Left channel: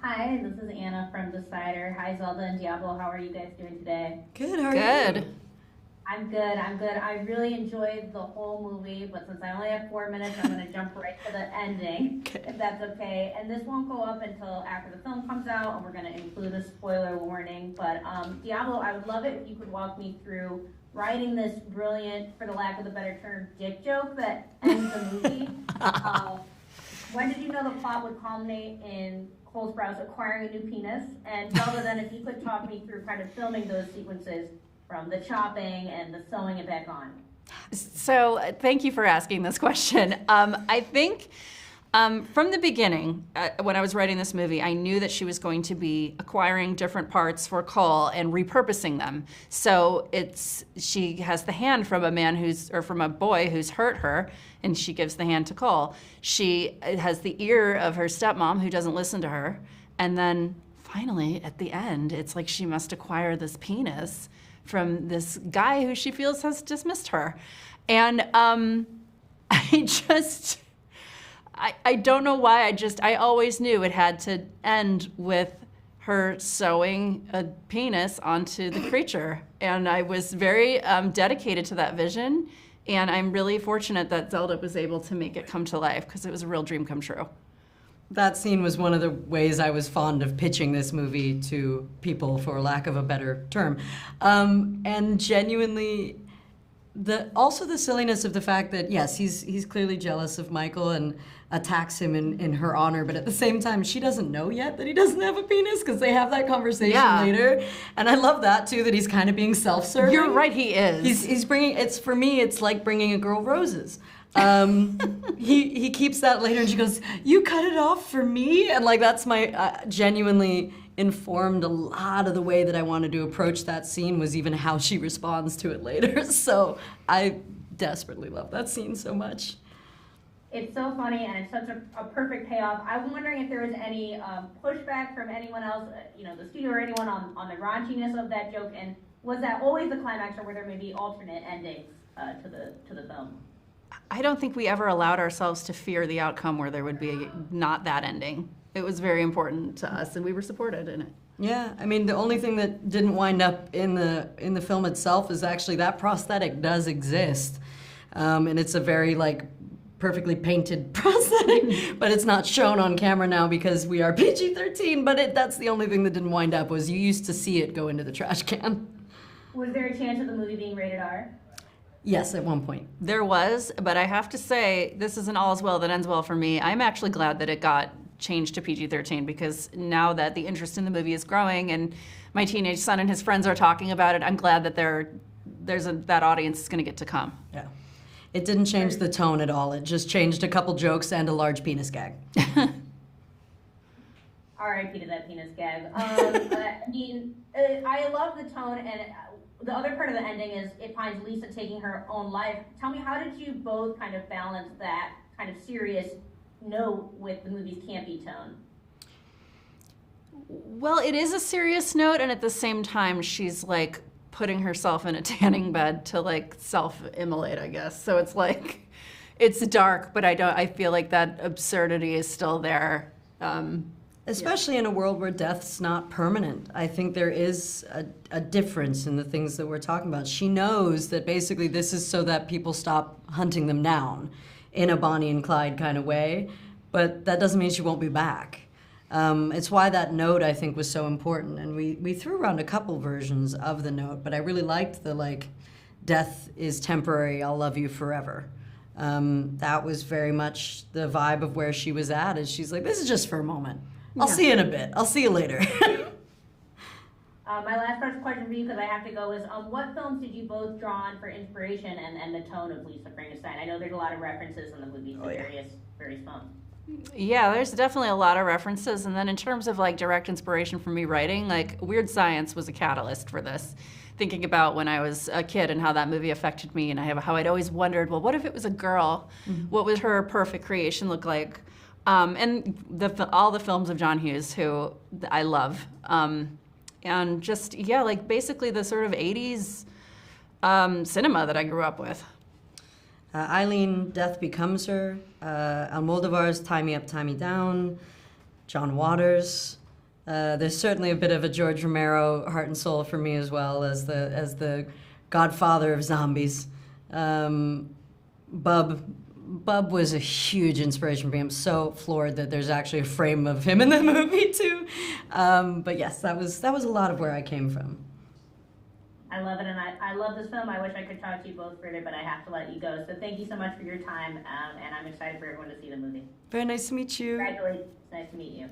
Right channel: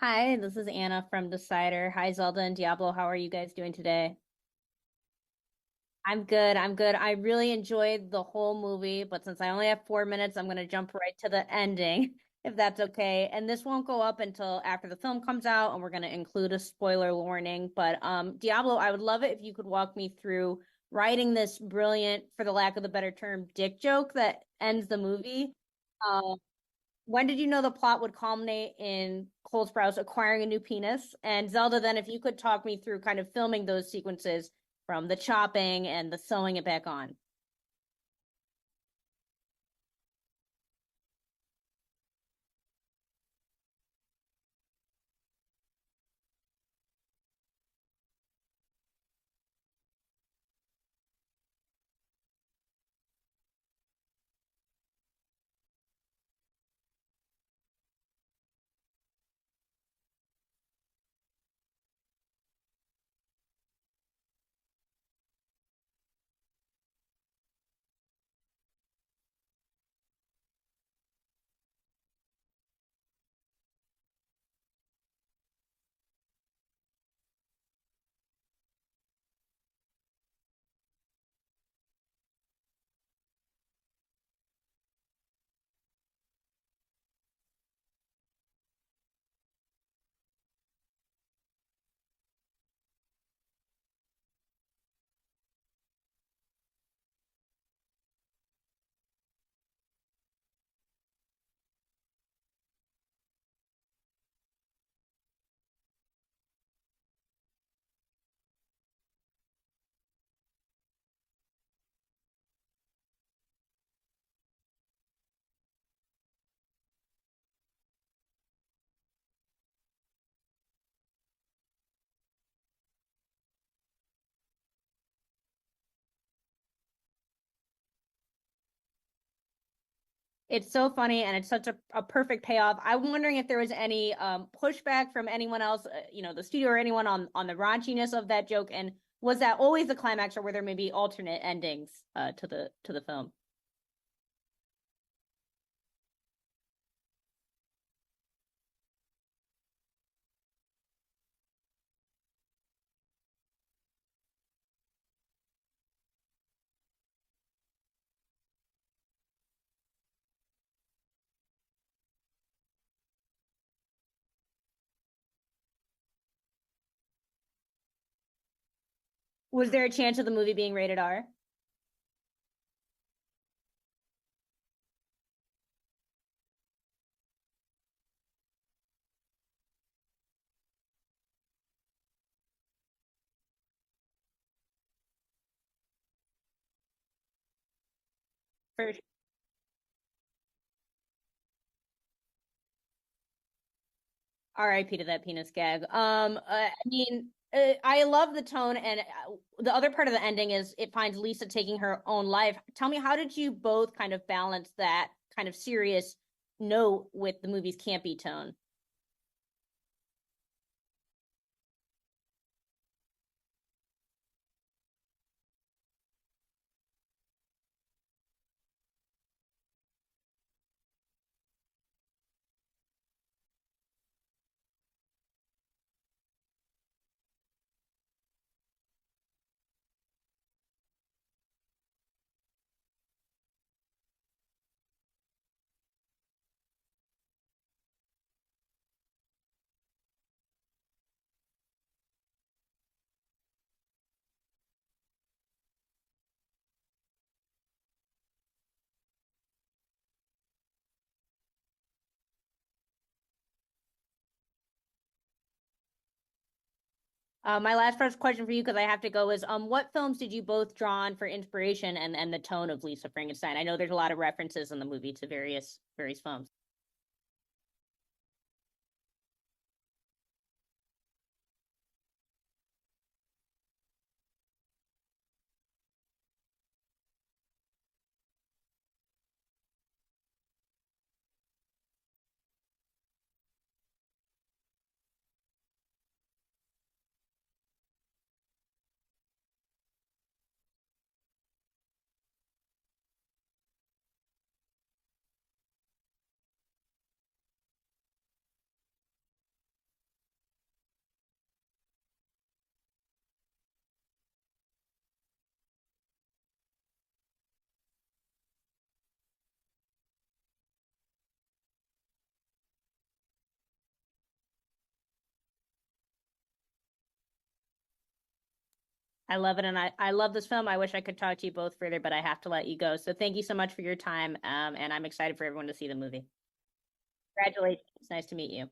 Hi, this is Anna from The Cider. Hi, Zelda and Diablo. How are you guys doing today? Good, how are you? Good. I'm good. I'm good. I really enjoyed the whole movie, but since I only have 4 minutes, I'm going to jump right to the ending, Okay. if that's okay. And this won't go up until after the film comes out, and we're going to include a spoiler warning. But Diablo, I would love it if you could walk me through writing this brilliant, for the lack of a better term, dick joke that ends the movie. Uh, when did you know the plot would culminate in Cole Sprouse acquiring a new penis? And Zelda, then, if you could talk me through kind of filming those sequences from the chopping and the sewing it back on. So thank you for asking this question. I think from the beginning, when I was writing this movie, I knew that she was going to be acquiring different parts for Cole and repurposing them. So she has the hand from from a boy who's hurt her, and she gives the hand to Cole. She has the ear of her stepmom who doesn't listen to her, and then finally at the end, it's like she must acquire this penis from this guy who she feels has dismissed her. And I just, I don't know why, I always knew it had to end with her sewing a penis onto the creature. And I was very dedicated to that vision. And I'm really fortunate that Zelda was able to make it come to life because it was a real dream come true. That scene was one of the ways I was fond of pitching this movie to people, for lack of a better term. And genuinely, also the silliness of the fact that, yes, he's clearly jealous of Michael and attacks him in her honor, but at the same time, she doesn't know yet that he doesn't have a penis because they have that conversation later. And I love that, too, that he's kind of being self-serving. You're right, he is. He's bringing, for me, it's like bringing a girl roses. He keeps that later and she goes, "You cut it off for me?" And like that's my genuinely informed a lot of the way that I wanted to approach that scene, was even how she responds to it later. So I desperately love that scene so much. It's so funny and it's such a perfect payoff. I'm wondering if there was any pushback from anyone else, the studio or anyone on the raunchiness of that joke, and was that always the climax, or were there maybe alternate endings to the film? I don't think we ever allowed ourselves to fear the outcome where there would be not that ending. It was very important to us, and we were supported in it. Yeah, I mean, the only thing that didn't wind up in the film itself is actually that prosthetic does exist, and it's a very perfectly painted prosthetic, but it's not shown on camera now because we are PG-13. But that's the only thing that didn't wind up, was you used to see it go into the trash can. Was there a chance of the movie being rated R? Yes, at one point. There was, but I have to say, this isn't all as well that ends well for me. I'm actually glad that it got changed to PG-13 because now that the interest in the movie is growing and my teenage son and his friends are talking about it, I'm glad that that audience is going to get to come. Yeah. It didn't change the tone at all. It just changed a couple jokes and a large penis gag. R.I.P. to that penis gag. I love the tone, and the other part of the ending is it finds Lisa taking her own life. Tell me, how did you both kind of balance that kind of serious note with the movie's campy tone? Well, it is a serious note, and at the same time, she's putting herself in a tanning bed to self-immolate, I guess. So it's dark, but I feel like that absurdity is still there. Especially in a world where death's not permanent. I think there is a difference in the things that we're talking about. She knows that basically this is so that people stop hunting them down in a Bonnie and Clyde kind of way, but that doesn't mean she won't be back. It's why that note, I think, was so important. And we threw around a couple versions of the note, but I really liked the death is temporary, I'll love you forever. That was very much the vibe of where she was at, is she's like, this is just for a moment. I'll see you in a bit. I'll see you later. My last first question for you, because I have to go, is what films did you both draw on for inspiration and the tone of Lisa Frankenstein? I know there's a lot of references in the movie to various films. Yeah, there's definitely a lot of references. And then in terms of direct inspiration for me writing, Weird Science was a catalyst for this. Thinking about when I was a kid and how that movie affected me, and how I'd always wondered, well, what if it was a girl? Mm-hmm. What would her perfect creation look like? And all the films of John Hughes, who I love. And just, basically the sort of 80s cinema that I grew up with. Eileen, Death Becomes Her, Almodovar's Tie Me Up, Tie Me Down, John Waters. There's certainly a bit of a George Romero heart and soul for me as well as the godfather of zombies. Bub was a huge inspiration for me. I'm so floored that there's actually a frame of him in the movie too. But yes, that was a lot of where I came from. I love it, and I love this film. I wish I could talk to you both further, but I have to let you go. So thank you so much for your time, and I'm excited for everyone to see the movie. Very nice to meet you. Congratulations. It's nice to meet you.